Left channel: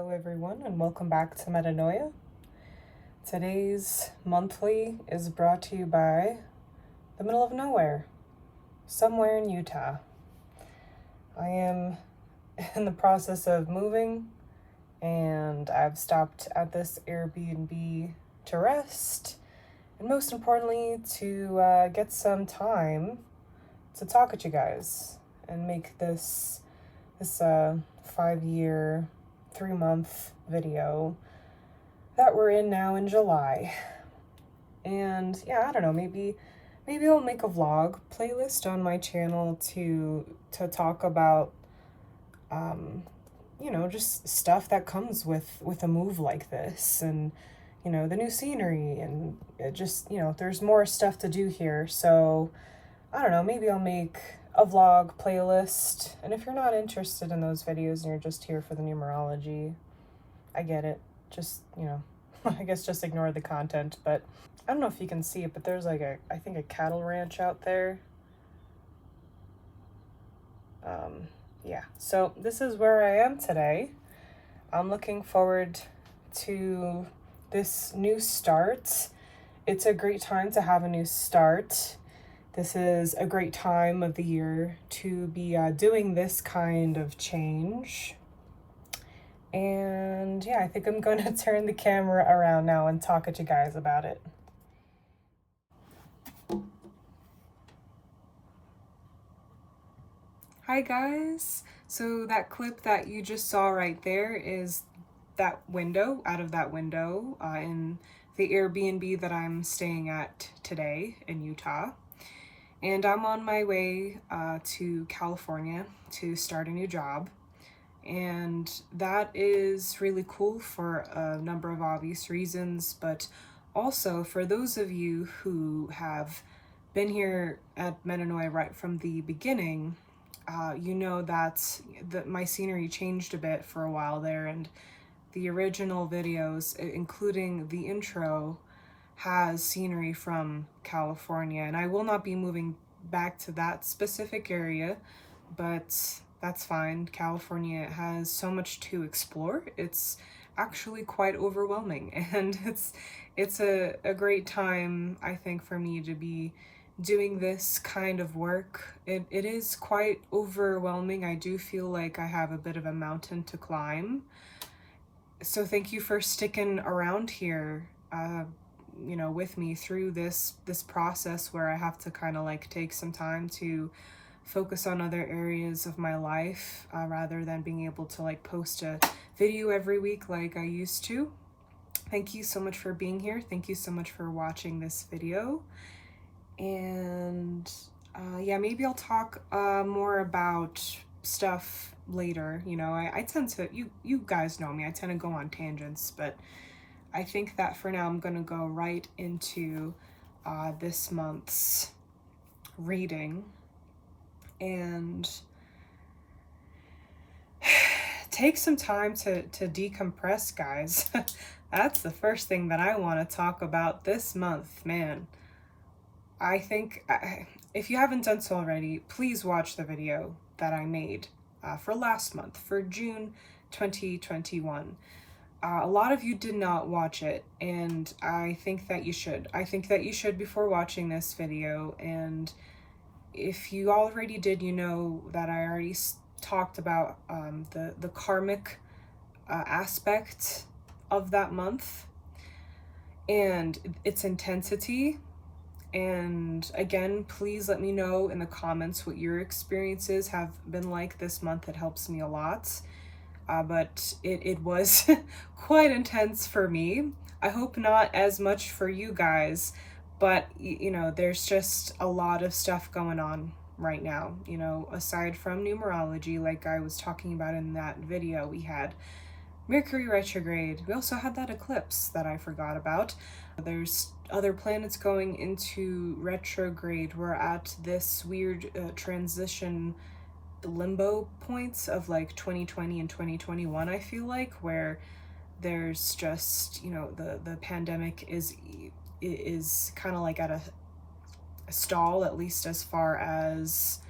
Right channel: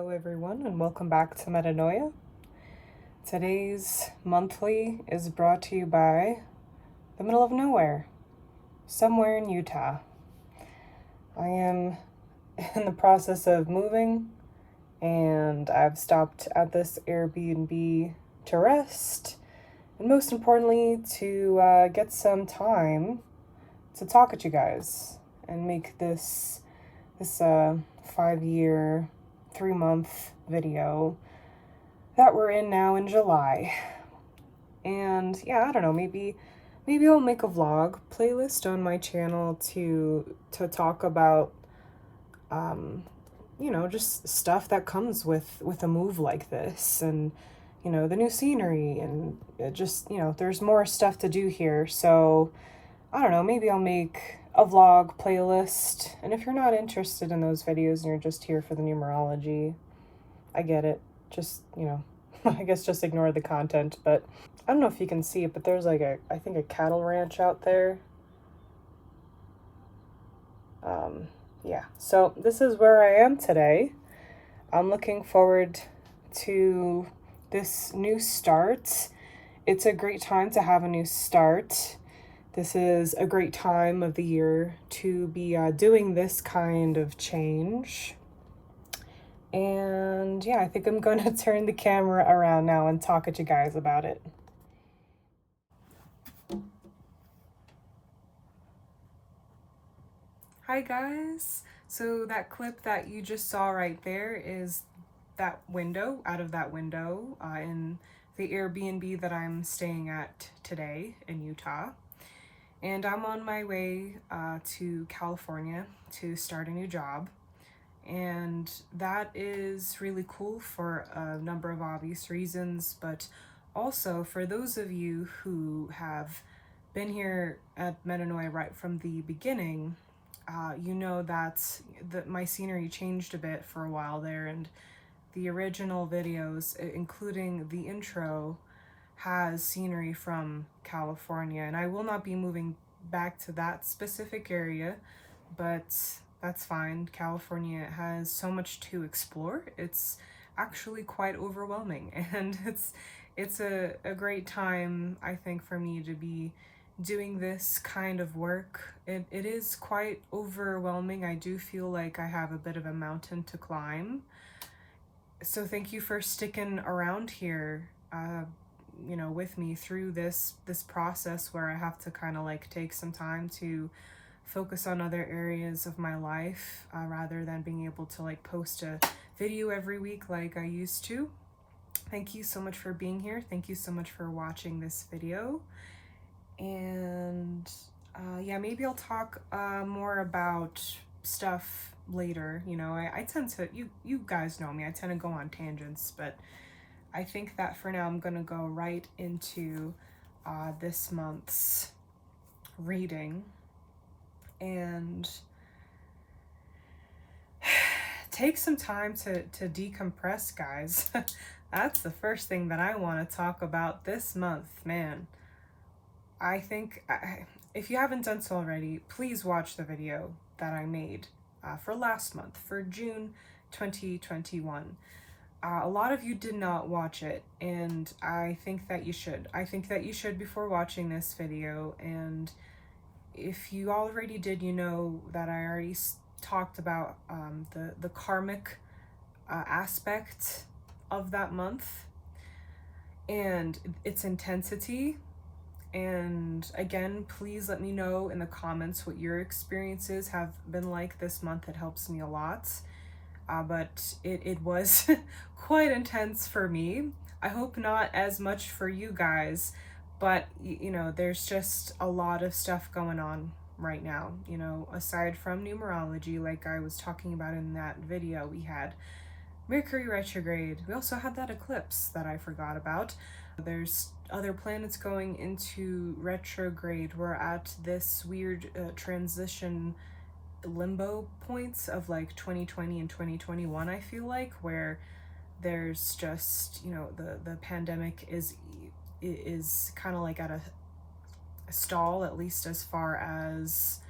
Hello everyone and welcome back to Metanoia. Today's monthly is brought to you by the middle of nowhere, somewhere in Utah. I am in the process of moving and I've stopped at this Airbnb to rest and most importantly to get some time to talk at you guys and make this 5-year 3-month video that we're in now in July. And yeah, I don't know, maybe I'll make a vlog playlist on my channel to talk about just stuff that comes with a move like this, and the new scenery, and it just there's more stuff to do here. So I don't know, maybe I'll make a vlog playlist. And if you're not interested in those videos and you're just here for the numerology, I get it. Just, I guess just ignore the content. But I don't know if you can see it, but there's like I think a cattle ranch out there. Yeah, so this is where I am today. I'm looking forward to this new start. It's a great time to have a new start. This is a great time of the year to be doing this kind of change. And yeah, I think I'm going to turn the camera around now and talk at you guys about it. Hi guys! So that clip that you just saw right there is that window, out of that window in the Airbnb that I'm staying at today in Utah. And I'm on my way to California to start a new job. And that is really cool for a number of obvious reasons, but also for those of you who have been here at Metanoia right from the beginning, you know that my scenery changed a bit for a while there, and the original videos, including the intro, has scenery from California, and I will not be moving back to that specific area, but that's fine. California has so much to explore. It's actually quite overwhelming, and it's a great time, I think, for me to be doing this kind of work. It is quite overwhelming. I do feel like I have a bit of a mountain to climb. So thank you for sticking around here, with me through this process where I have to kind of like take some time to focus on other areas of my life rather than being able to like post a video every week like I used to. Thank you so much for being here. Thank you so much for watching this video. And yeah, maybe I'll talk more about stuff later. I tend to, you guys know me, I tend to go on tangents, but I think that for now I'm gonna go right into this month's reading and take some time to decompress, guys. That's the first thing that I want to talk about this month, man. I think if you haven't done so already, please watch the video that I made for last month, for June 2021. A lot of you did not watch it, and I think that you should. I think that you should before watching this video, and if you already did, you know that I already talked about the karmic aspect of that month and its intensity. And again, please let me know in the comments what your experiences have been like this month. It helps me a lot. But it was quite intense for me. I hope not as much for you guys, but there's just a lot of stuff going on right now. Aside from numerology, like I was talking about in that video, we had Mercury retrograde. We also had that eclipse that I forgot about. There's other planets going into retrograde. We're at this weird transition limbo points of like 2020 and 2021, I feel like, where there's just the pandemic is kind of like at a stall, at least as far as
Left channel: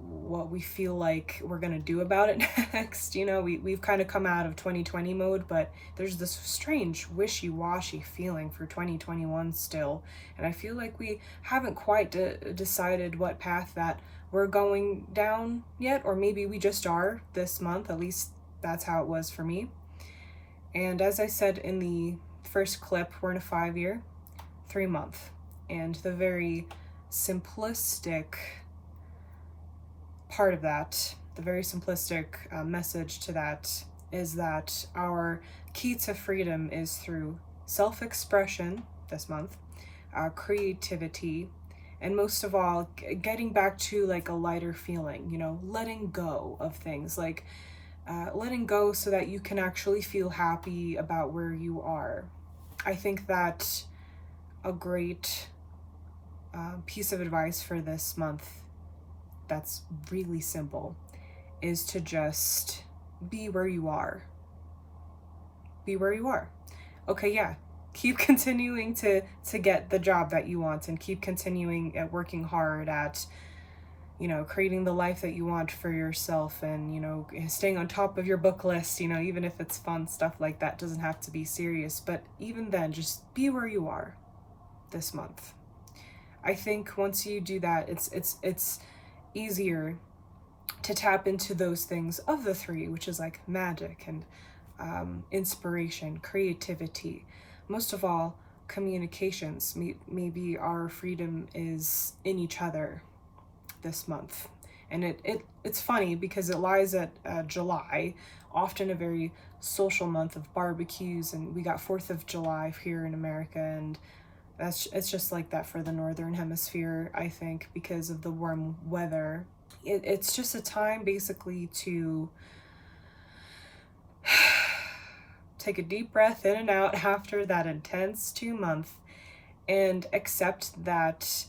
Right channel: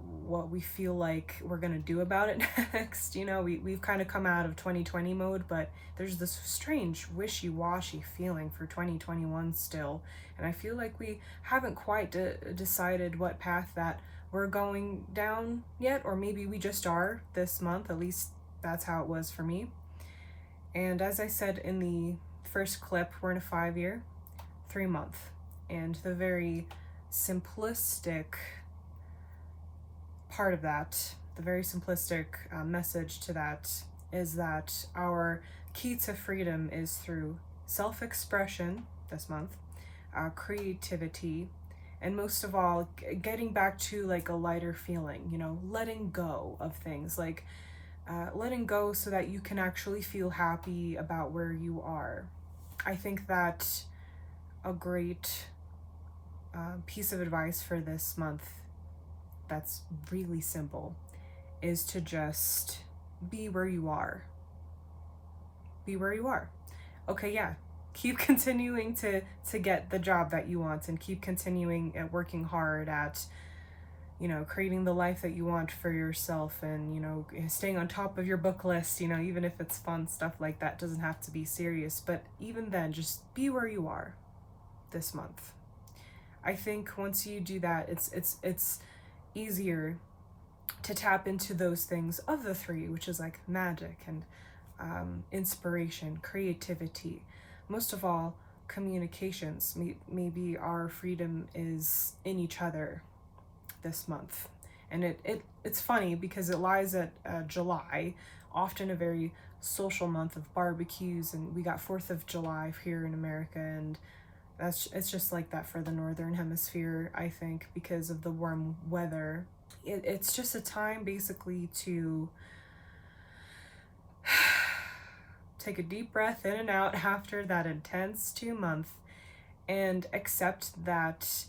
what we feel like we're gonna do about it next. We've kind of come out of 2020 mode, but there's this strange wishy-washy feeling for 2021 still, and I feel like we haven't quite decided what path that we're going down yet, or maybe we just are this month. At least that's how it was for me. And as I said in the first clip, we're in a 5-year, 3-month, and the very simplistic part of that, the very simplistic message to that, is that our key to freedom is through self-expression this month, creativity, and most of all, getting back to like a lighter feeling, letting go of things, like letting go so that you can actually feel happy about where you are. I think that a great piece of advice for this month that's really simple is to just be where you are. Be where you are. Okay, yeah. Keep continuing to get the job that you want, and keep continuing at working hard at creating the life that you want for yourself, and staying on top of your book list, even if it's fun stuff like that, doesn't have to be serious, but even then, just be where you are this month. I think once you do that, it's easier to tap into those things of the three, which is like magic and inspiration, creativity, most of all, communications. Maybe our freedom is in each other this month. And it's funny because it lies at July, often a very social month of barbecues, and we got 4th of July here in America, and it's just like that for the northern hemisphere, I think, because of the warm weather. It's just a time basically to take a deep breath in and out after that intense 2 month, and accept that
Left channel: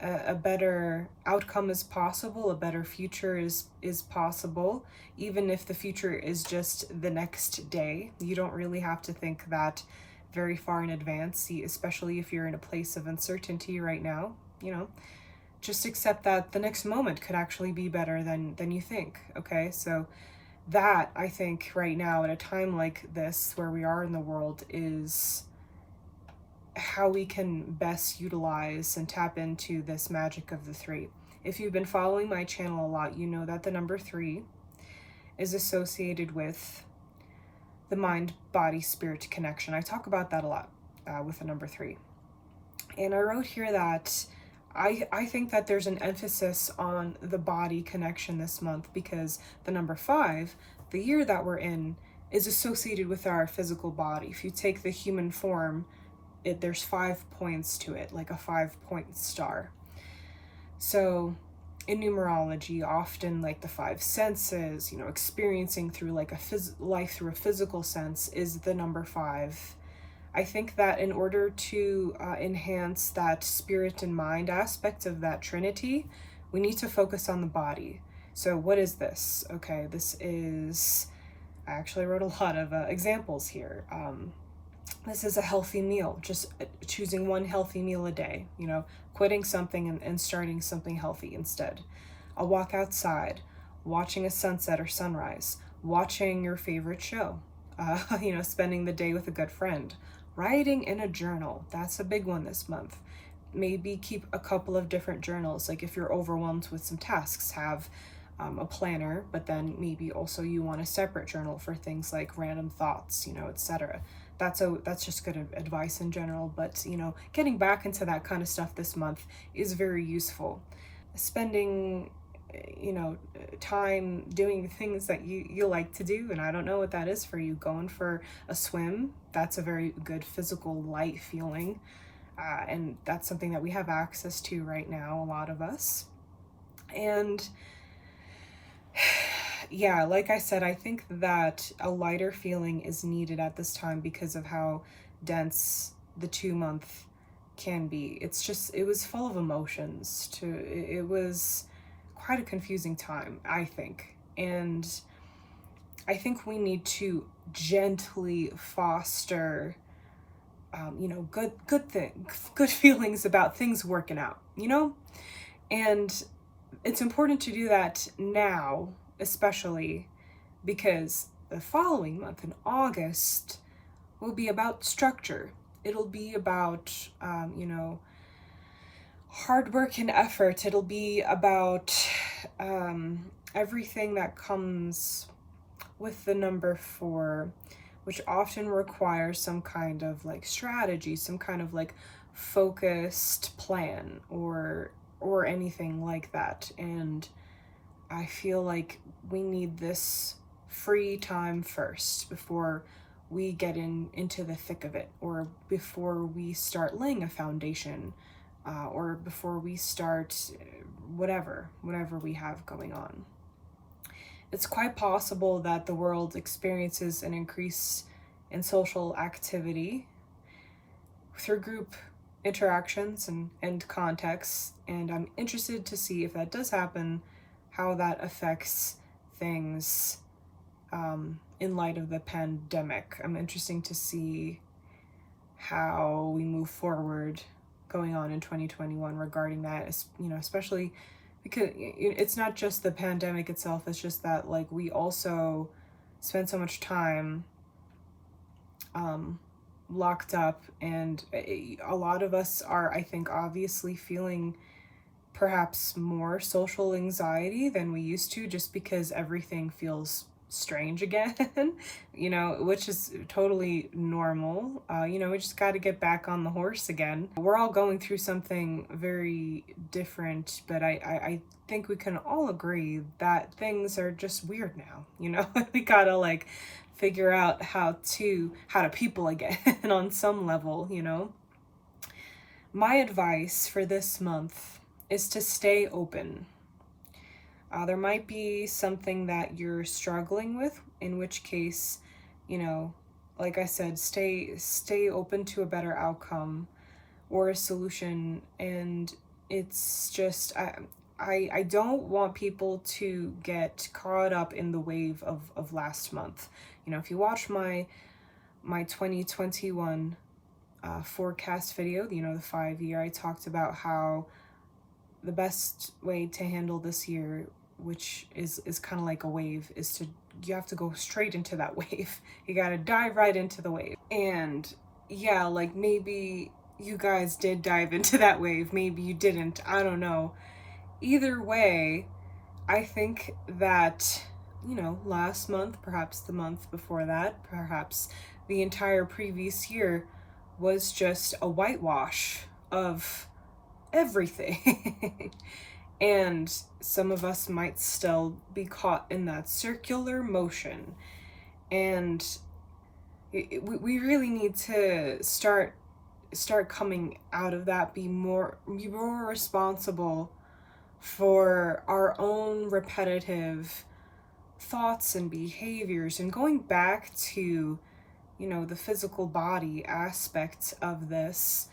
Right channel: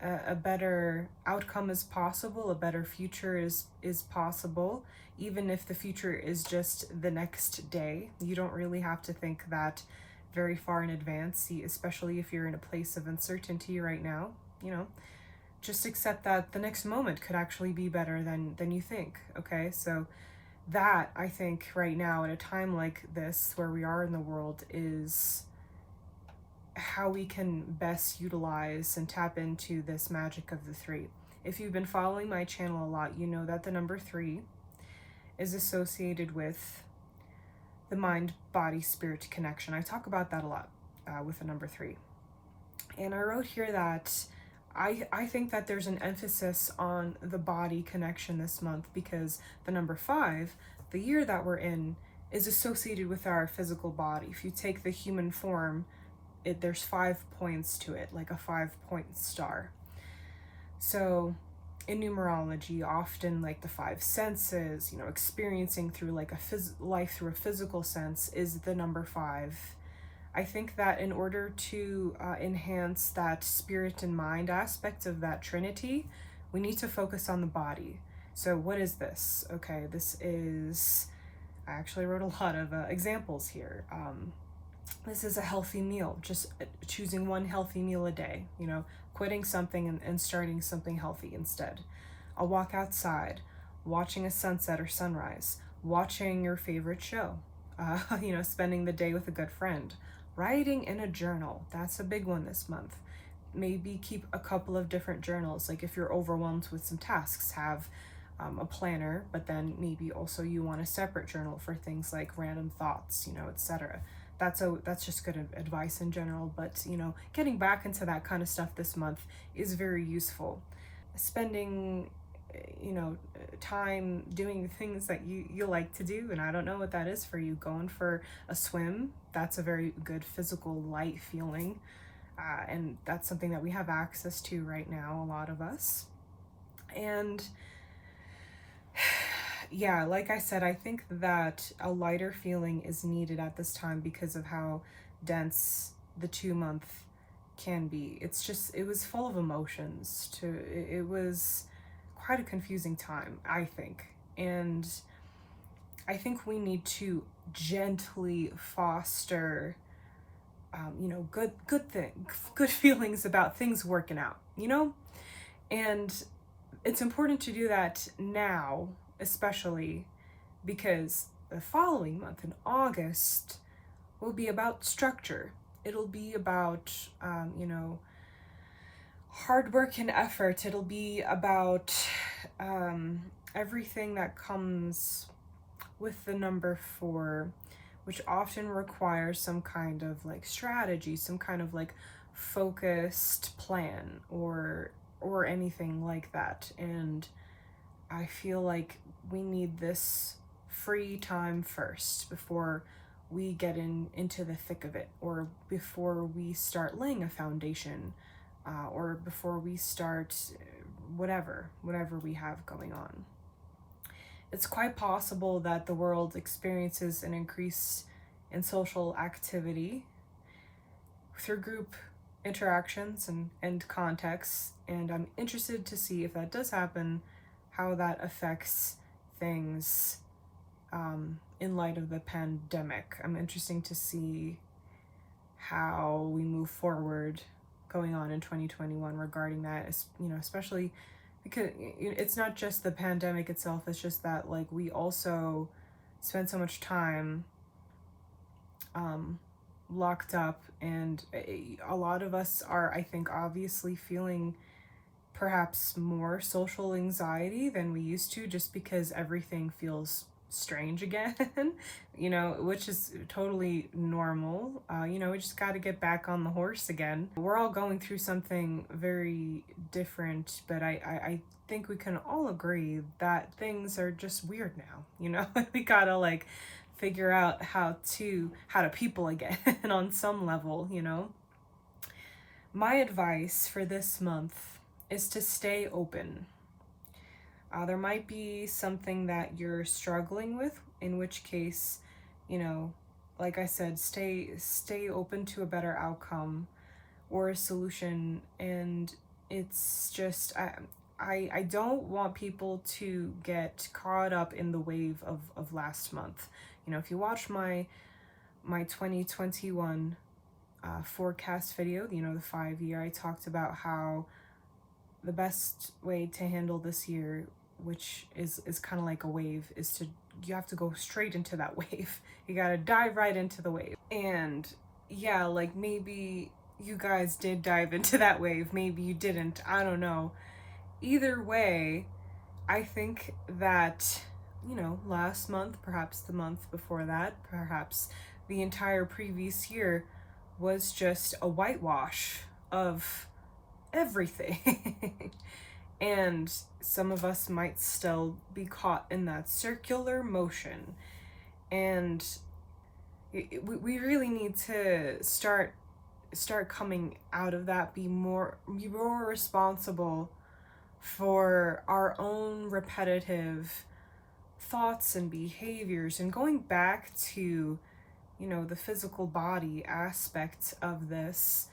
a better outcome is possible, a better future is possible, even if the future is just the next day. You don't really have to think that very far in advance, especially if you're in a place of uncertainty right now. Just accept that the next moment could actually be better than you think. Okay, so that, I think, right now at a time like this where we are in the world, is how we can best utilize and tap into this magic of the three. If you've been following my channel a lot, you know that the number 3 is associated with the mind, body, spirit connection. I talk about that a lot with the number 3. And I wrote here that I think that there's an emphasis on the body connection this month, because the number 5, the year that we're in, is associated with our physical body. If you take the human form, there's 5 points to it, like a 5-point star. So in numerology, often like the 5 senses, experiencing through like life through a physical sense is the number 5. I think that in order to enhance that spirit and mind aspect of that trinity, we need to focus on the body. So what is this? Okay, this is, I actually wrote a lot of examples here. This is a healthy meal, just choosing one healthy meal a day, quitting something and starting something healthy instead. A walk outside, watching a sunset or sunrise, watching your favorite show, spending the day with a good friend, writing in a journal. That's a big one this month. Maybe keep a couple of different journals. Like if you're overwhelmed with some tasks, have a planner, but then maybe also you want a separate journal for things like random thoughts, etc. That's just good advice in general, but getting back into that kind of stuff this month is very useful. Spending time doing things that you like to do, and I don't know what that is for you. Going for a swim, that's a very good physical light feeling, and that's something that we have access to right now, a lot of us. And yeah, like I said, I think that a lighter feeling is needed at this time because of how dense the 2 month can be. It was full of emotions. It was quite a confusing time, I think. And I think we need to gently foster, good feelings about things working out, and it's important to do that now, especially because the following month in August will be about structure. It'll be about, hard work and effort. It'll be about everything that comes with the number 4, which often requires some kind of like strategy, some kind of like focused plan or anything like that. And I feel like we need this free time first before we get into the thick of it, or before we start laying a foundation, or before we start whatever we have going on. It's quite possible that the world experiences an increase in social activity through group interactions and contexts, and I'm interested to see if that does happen, how that affects things in light of the pandemic. I'm interested to see how we move forward going on in 2021 regarding that, especially because it's not just the pandemic itself, it's just that like we also spend so much time locked up, and a lot of us are, I think, obviously feeling perhaps more social anxiety than we used to, just because everything feels strange again, which is totally normal. We just got to get back on the horse again. We're all going through something very different, but I think we can all agree that things are just weird now. We gotta like figure out how to people again on some level. My advice for this month is to stay open. There might be something that you're struggling with, in which case, like I said, stay open to a better outcome or a solution. And it's just, I don't want people to get caught up in the wave of last month. If you watch my 2021 forecast video, the 5-year, I talked about how the best way to handle this year, which is kind of like a wave, is you have to go straight into that wave. You gotta dive right into the wave. And yeah, like maybe you guys did dive into that wave, maybe you didn't, I don't know. Either way, I think that, last month, perhaps the month before that, perhaps the entire previous year was just a whitewash of everything. And some of us might still be caught in that circular motion. And we really need to start coming out of that, be more responsible for our own repetitive thoughts and behaviors, and going back to the physical body aspect of this.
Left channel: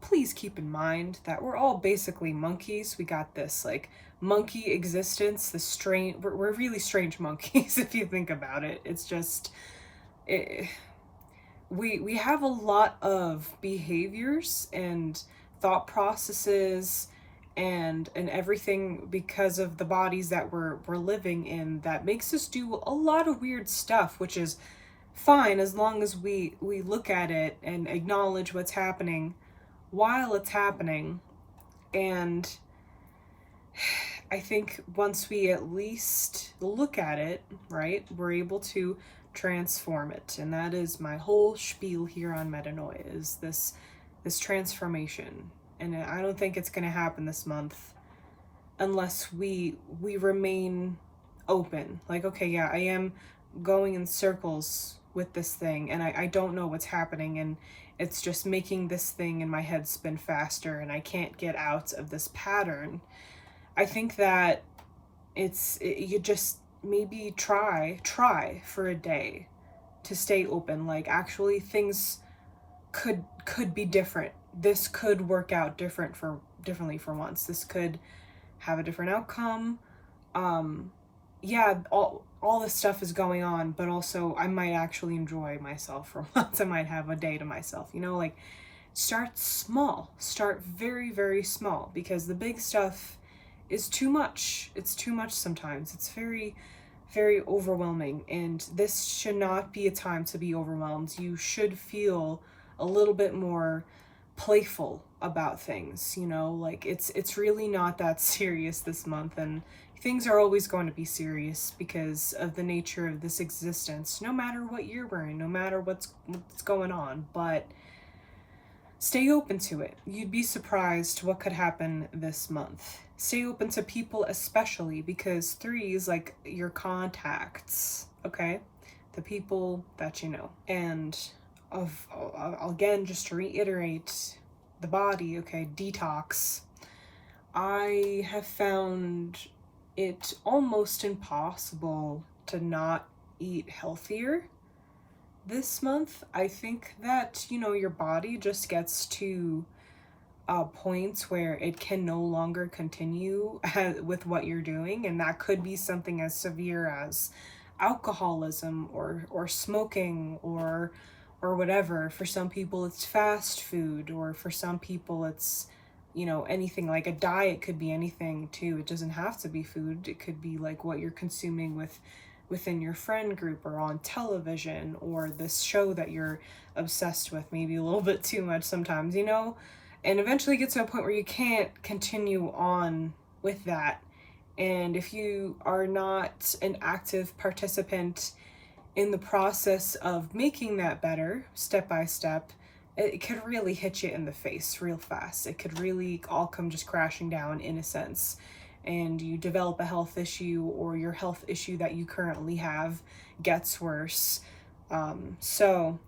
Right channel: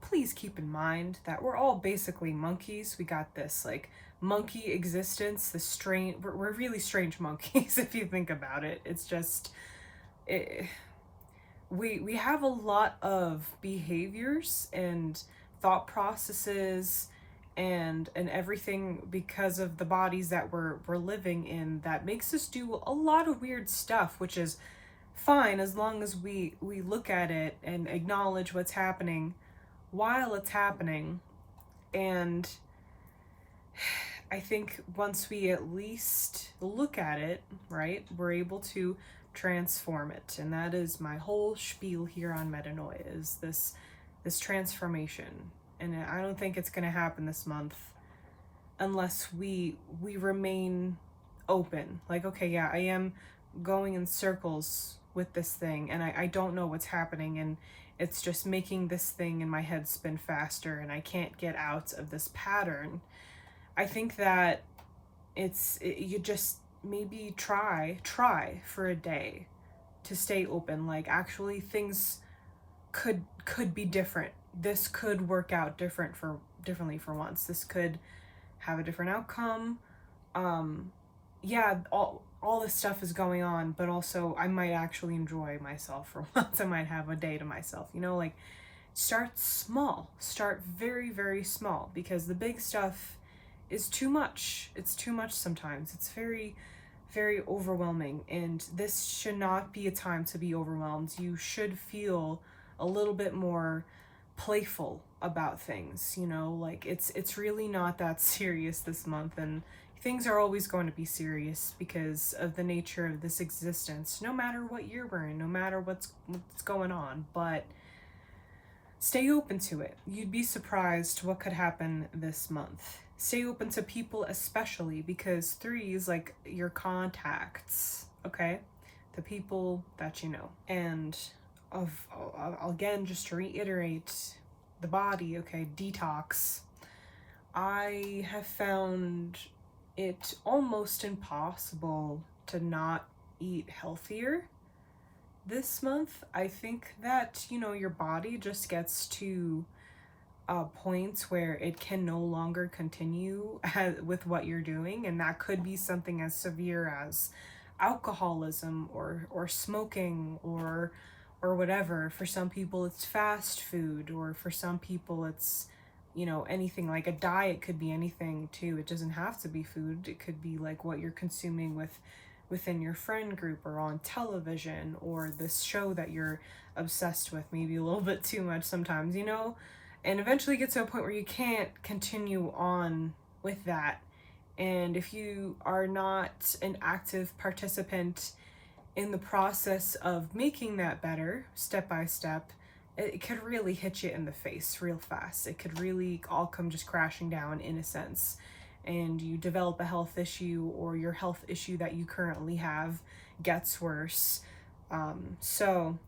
Please keep in mind that we're all basically monkeys. We got this like monkey existence, we're really strange monkeys if you think about it. It's just we have a lot of behaviors and thought processes and everything because of the bodies that we're living in, that makes us do a lot of weird stuff, which is fine as long as we look at it and acknowledge what's happening while it's happening. And I think once we at least look at it, right, we're able to transform it. And that is my whole spiel here on metanoia, is this transformation. And I don't think it's going to happen this month unless we remain open. Like, okay, yeah, I am going in circles with this thing, and I don't know what's happening, and it's just making this thing in my head spin faster, and I can't get out of this pattern. I think that you just maybe try for a day to stay open. Like, actually, things could be different. This could work out differently for once. This could have a different outcome. Yeah, all this stuff is going on, but also I might actually enjoy myself for once. I might have a day to myself. Like, start small. Start very, very small, because the big stuff is too much. It's too much sometimes. It's very, very overwhelming, and this should not be a time to be overwhelmed. You should feel a little bit more playful about things, you know, like it's really not that serious this month, and things are always going to be serious because of the nature of this existence, no matter what year we're in, no matter what's going on. But stay open to it. You'd be surprised what could happen this month. Stay open to people, especially because 3 is like your contacts, okay? The people that you know. And again, just to reiterate, the body, okay, detox. I have found it almost impossible to not eat healthier this month. I think that, you know, your body just gets to points where it can no longer continue with what you're doing, and that could be something as severe as alcoholism or smoking or whatever. For some people it's fast food, or for some people it's, you know, anything. Like a diet could be anything too. It doesn't have to be food. It could be like what you're consuming within your friend group or on television, or this show that you're obsessed with, maybe a little bit too much sometimes, you know, and eventually get to a point where you can't continue on with that. And if you are not an active participant in the process of making that better step by step, it could really hit you in the face real fast. It could really all come just crashing down in a sense, and you develop a health issue, or your health issue that you currently have gets worse. So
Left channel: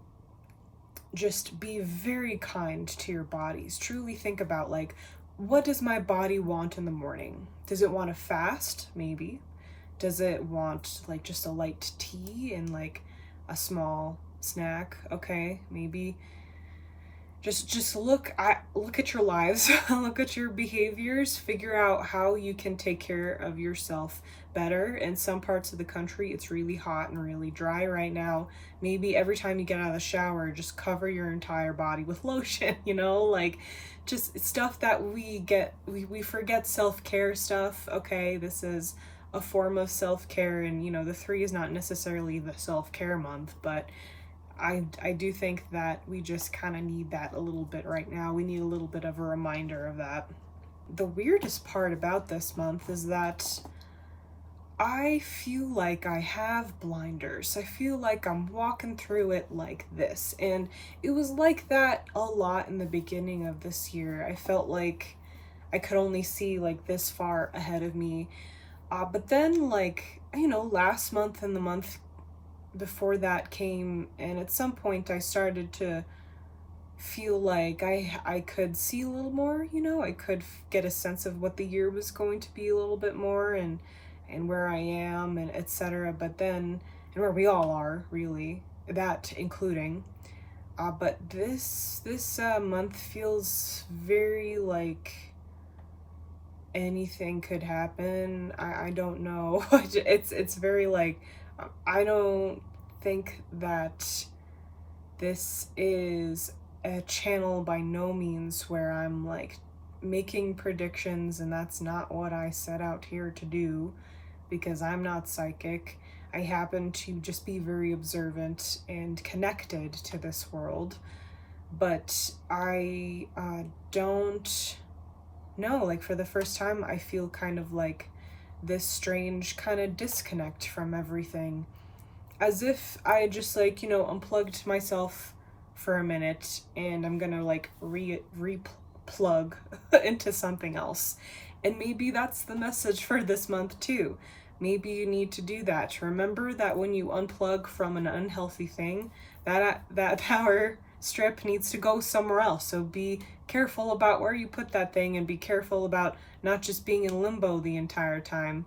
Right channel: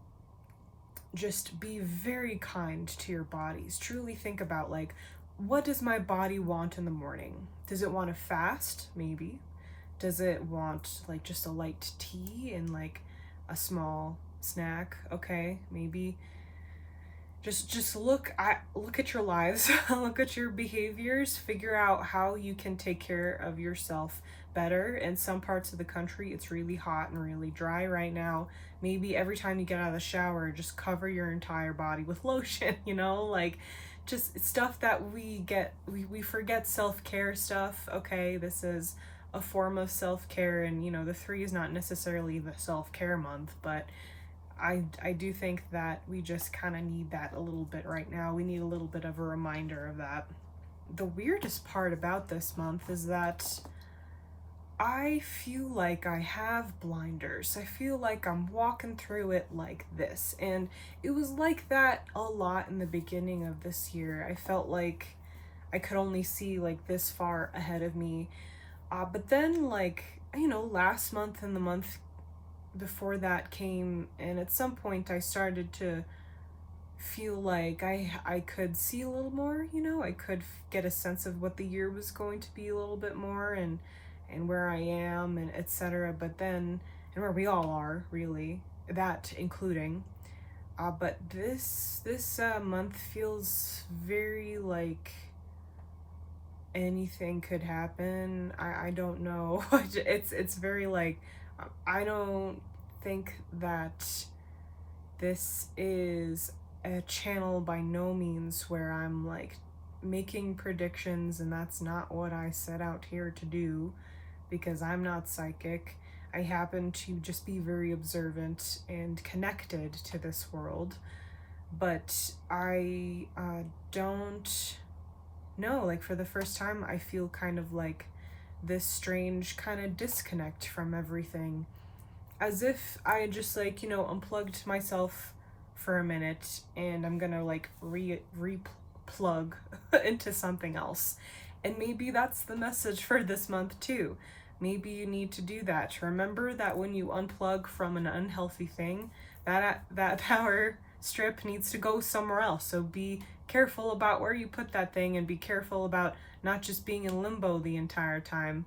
just be very kind to your bodies. Truly think about, like, what does my body want in the morning? Does it want to fast? Maybe. Does it want like just a light tea and like a small snack? Okay, maybe. Just look at your lives, look at your behaviors, figure out how you can take care of yourself better. In some parts of the country, it's really hot and really dry right now. Maybe every time you get out of the shower, just cover your entire body with lotion, you know, like just stuff that we forget self-care stuff. Okay, this is a form of self-care, and you know, the 3 is not necessarily the self-care month, but I do think that we just kind of need that a little bit right now. We need a little bit of a reminder of that. The weirdest part about this month is that I feel like I have blinders. I feel like I'm walking through it like this. And it was like that a lot in the beginning of this year. I felt like I could only see like this far ahead of me. But then, like, you know, last month and the month before that came, and at some point I started to feel like I could see a little more, you know, I could get a sense of what the year was going to be a little bit more, and where I am, and etc. But then, and where we all are, really, that including. But this month feels very like anything could happen. I don't know. It's very like, I don't think that this is a channel by no means where I'm like making predictions, and that's not what I set out here to do, because I'm not psychic. I happen to just be very observant and connected to this world, but I don't know, like for the first time I feel kind of like this strange kind of disconnect from everything, as if I just, like, you know, unplugged myself for a minute and I'm gonna like re-plug into something else. And maybe that's the message for this month too. Maybe you need to do that, to remember that when you unplug from an unhealthy thing, that power strip needs to go somewhere else. So be careful about where you put that thing, and be careful about not just being in limbo the entire time.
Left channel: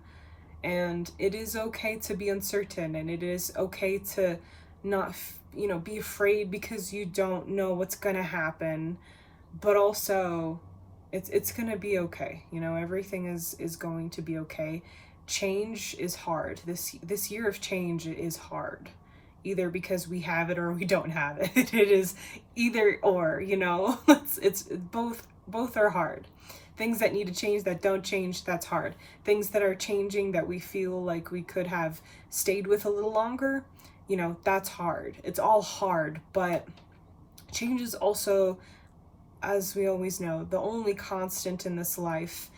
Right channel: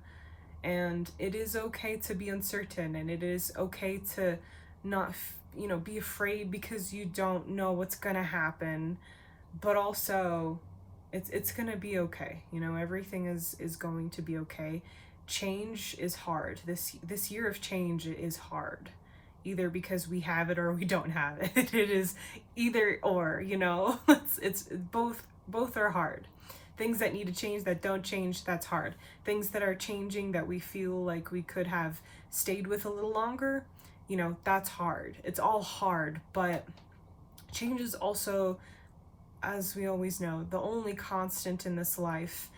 And it is okay to be uncertain, and it is okay to not, you know, be afraid because you don't know what's gonna happen, but also it's gonna be okay. You know, everything is going to be okay. Change is hard. This year of change is hard, either because we have it or we don't have it. It is either or, you know. It's both are hard. Things that need to change that don't change, that's hard. Things that are changing that we feel like we could have stayed with a little longer, that's hard. It's all hard, but change is also, as we always know, the only constant in this life.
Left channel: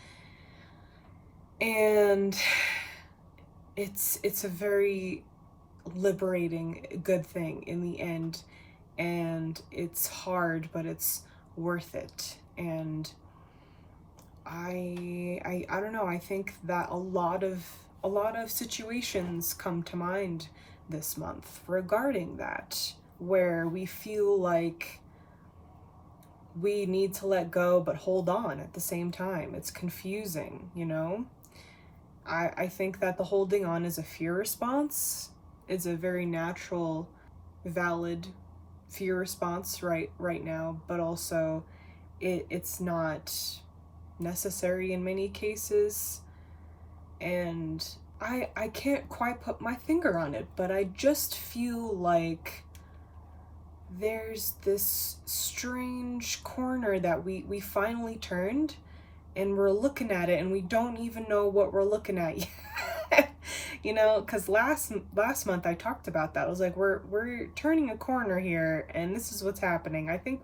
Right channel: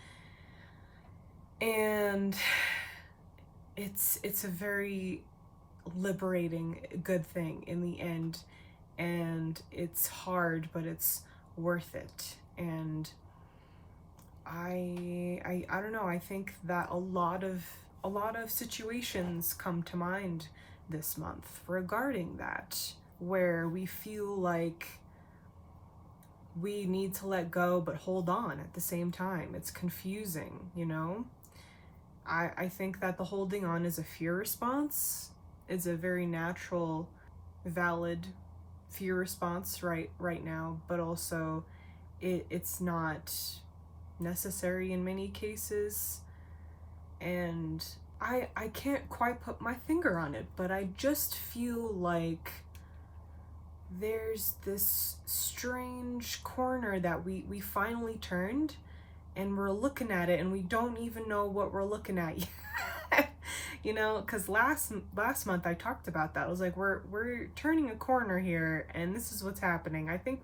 And it's a very liberating, good thing in the end. And it's hard, but it's worth it. And I don't know, I think that a lot of situations come to mind this month regarding that, where we feel like we need to let go but hold on at the same time. It's confusing, I think that the holding on is a fear response. It's a very natural, valid fear response right now, but also it's not necessary in many cases. And I can't quite put my finger on it, but I just feel like there's this strange corner that we finally turned, and we're looking at it and we don't even know what we're looking at yet. Because last month I talked about that. I was like, we're turning a corner here, and this is what's happening. I think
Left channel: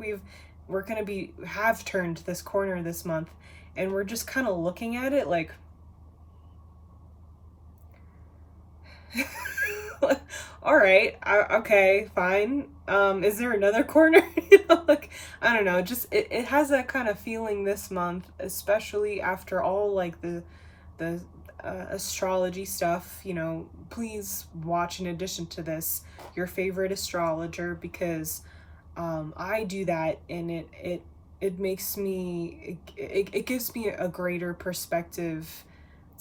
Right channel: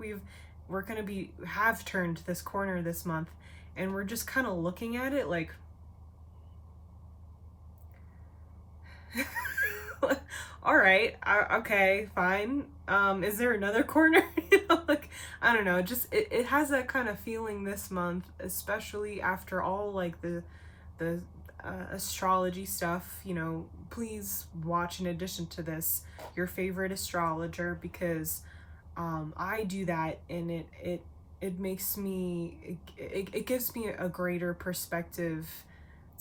we're gonna have turned this corner this month, and we're just kind of looking at it like, all right, okay, fine. Is there another corner? Like, I don't know. Just it has that kind of feeling this month, especially after all like the astrology stuff. Please watch, in addition to this, your favorite astrologer, because I do that, and it makes me it gives me a greater perspective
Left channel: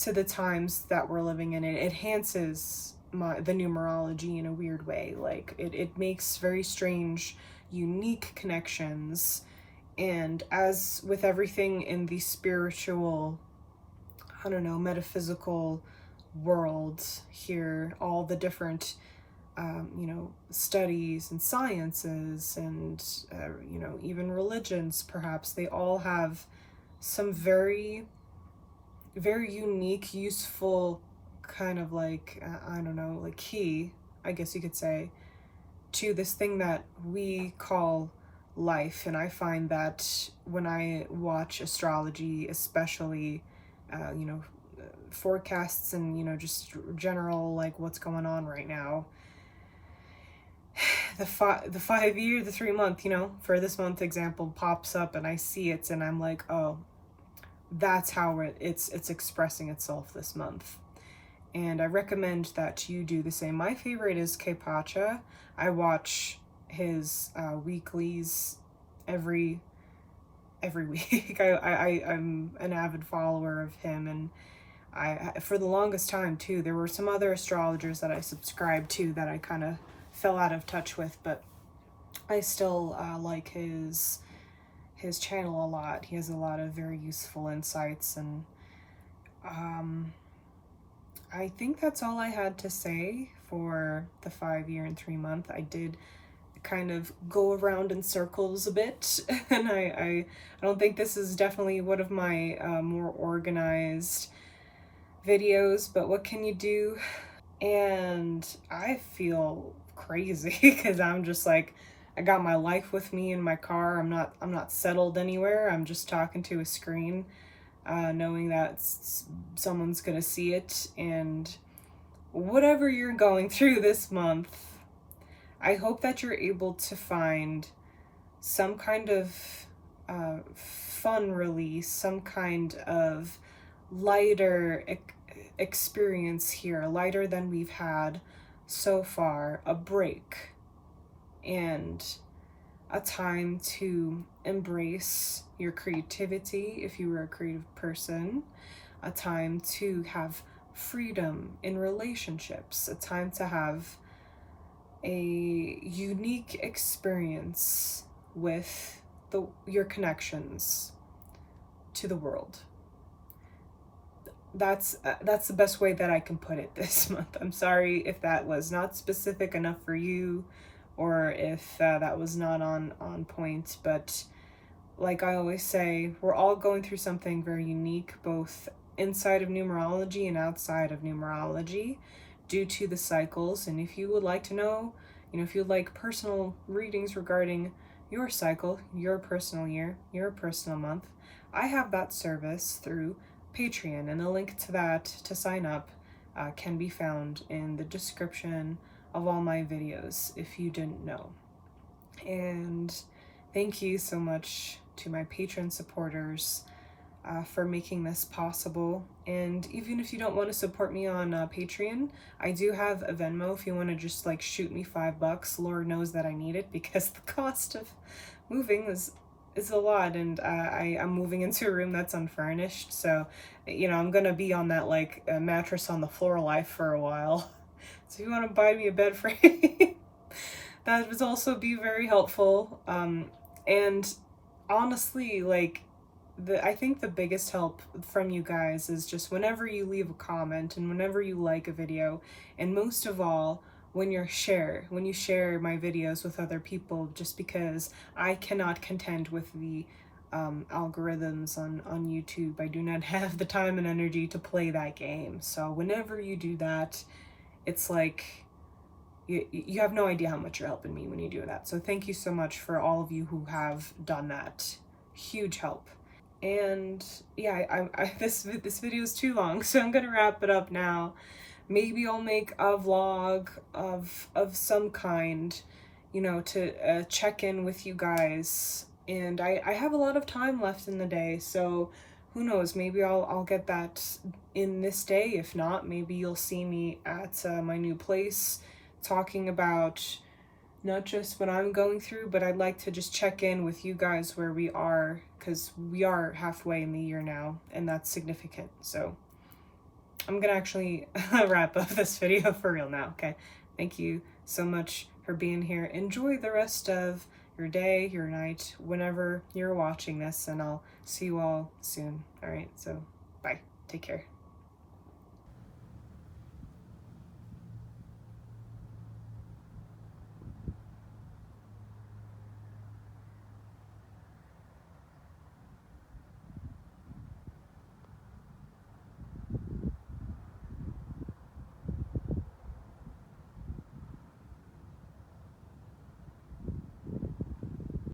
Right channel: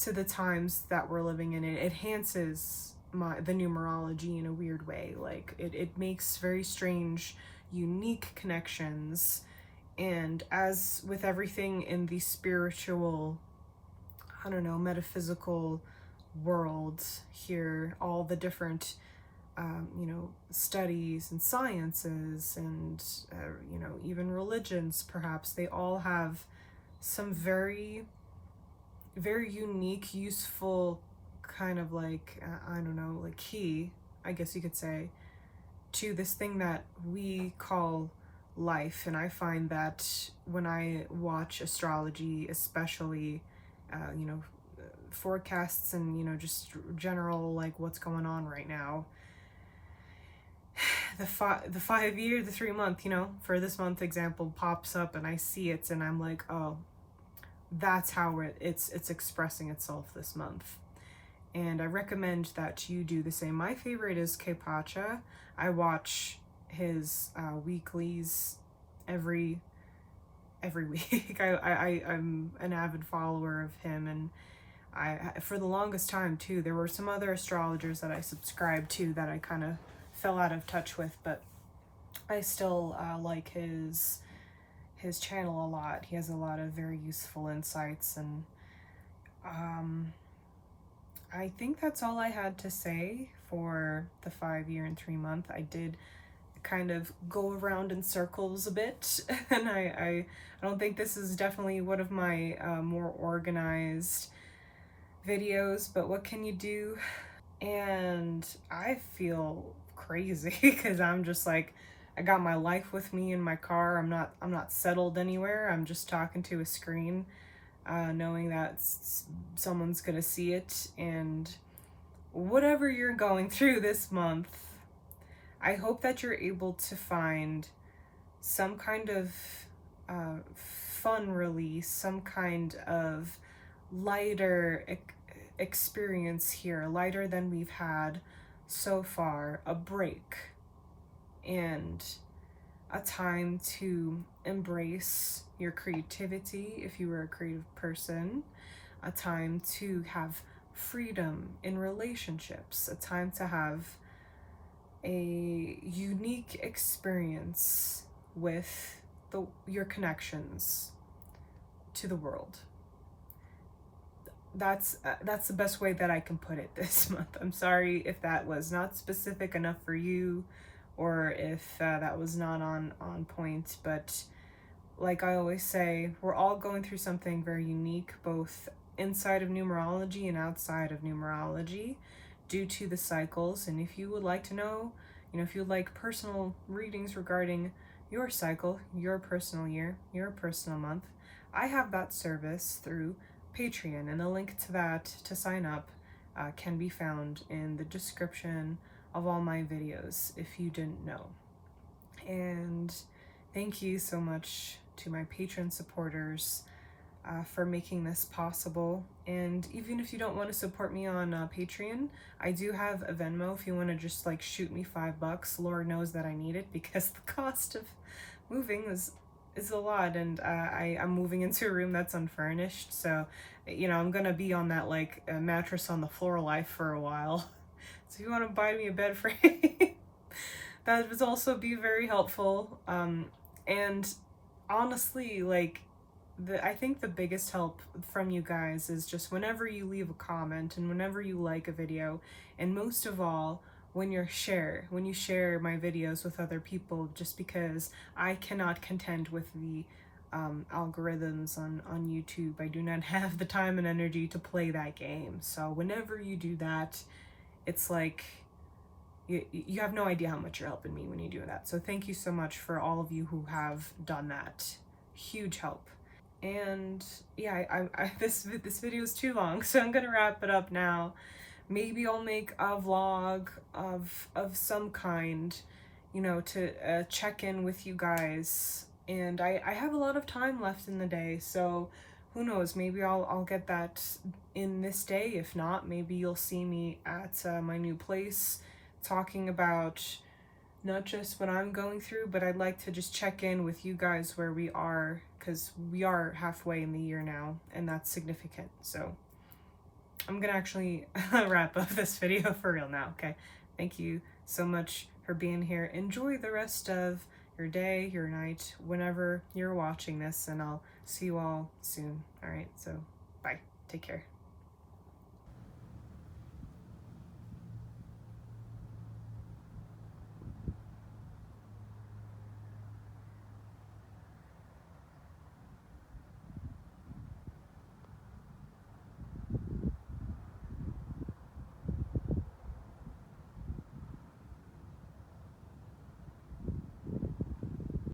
to the times that we're living in. It enhances the numerology in a weird way. Like it makes very strange, unique connections. And as with everything in the spiritual, I don't know, metaphysical world here, all the different studies and sciences and even religions, perhaps, they all have some very, very unique, useful kind of like, I don't know, like key, I guess you could say, to this thing that we call life. And I find that when I watch astrology, especially, forecasts and, just general, like what's going on right now, the 5 year, the 3 month, for this month example, pops up, and I see it, and I'm like, oh, that's how it's expressing itself this month. And I recommend that you do the same. My favorite is Kepacha. I watch his weeklies every week. I'm an avid follower of him, and I for the longest time too, there were some other astrologers that I subscribed to that I kind of fell out of touch with, but I still like his channel a lot. He has a lot of very useful insights, and I think that's all I had to say for the 5 year and 3 month. I did kind of go around in circles a bit, and I don't think this is definitely one of my more organized videos, but what can you do? And I feel crazy because I'm just like, I got my life with me in my car. I'm not settled anywhere. I'm just talking to a screen, knowing that someone's gonna see it. And whatever you're going through this month, I hope that you're able to find some kind of fun release, some kind of lighter experience here, lighter than we've had so far, a break, and a time to embrace your creativity if you were a creative person, a time to have freedom in relationships, a time to have a unique experience with your connections to the world. That's the best way that I can put it this month. I'm sorry if that was not specific enough for you, or if that was not on point, but like I always say, we're all going through something very unique, both inside of numerology and outside of numerology, due to the cycles. And if you would like to know, if you'd like personal readings regarding your cycle, your personal year, your personal month, I have that service through Patreon, and a link to that to sign up can be found in the description of all my videos if you didn't know. And thank you so much to my Patreon supporters for making this possible. And even if you don't want to support me on Patreon, I do have a Venmo if you want to just like shoot me $5. Lord knows that I need it because the cost of moving is a lot, and I'm moving into a room that's unfurnished, so I'm gonna be on that like mattress on the floor life for a while. So if you want to buy me a bed frame, that would also be very helpful. And honestly, like, I think the biggest help from you guys is just whenever you leave a comment and whenever you like a video, and most of all, when you share my videos with other people, just because I cannot contend with the algorithms on YouTube. I do not have the time and energy to play that game. So whenever you do that, it's like, you have no idea how much you're helping me when you do that. So thank you so much for all of you who have done that. Huge help. And yeah, this video is too long, so I'm gonna wrap it up now. Maybe I'll make a vlog of some kind, to check in with you guys. And I have a lot of time left in the day, so who knows, maybe I'll get that in this day. If not, maybe you'll see me at my new place talking about not just what I'm going through, but I'd like to just check in with you guys where we are, because we are halfway in the year now, and that's significant. So I'm gonna actually wrap up this video for real now, okay? Thank you so much for being here. Enjoy the rest of your day, your night, whenever you're watching this, and I'll see you all soon. All right, so bye. Take care.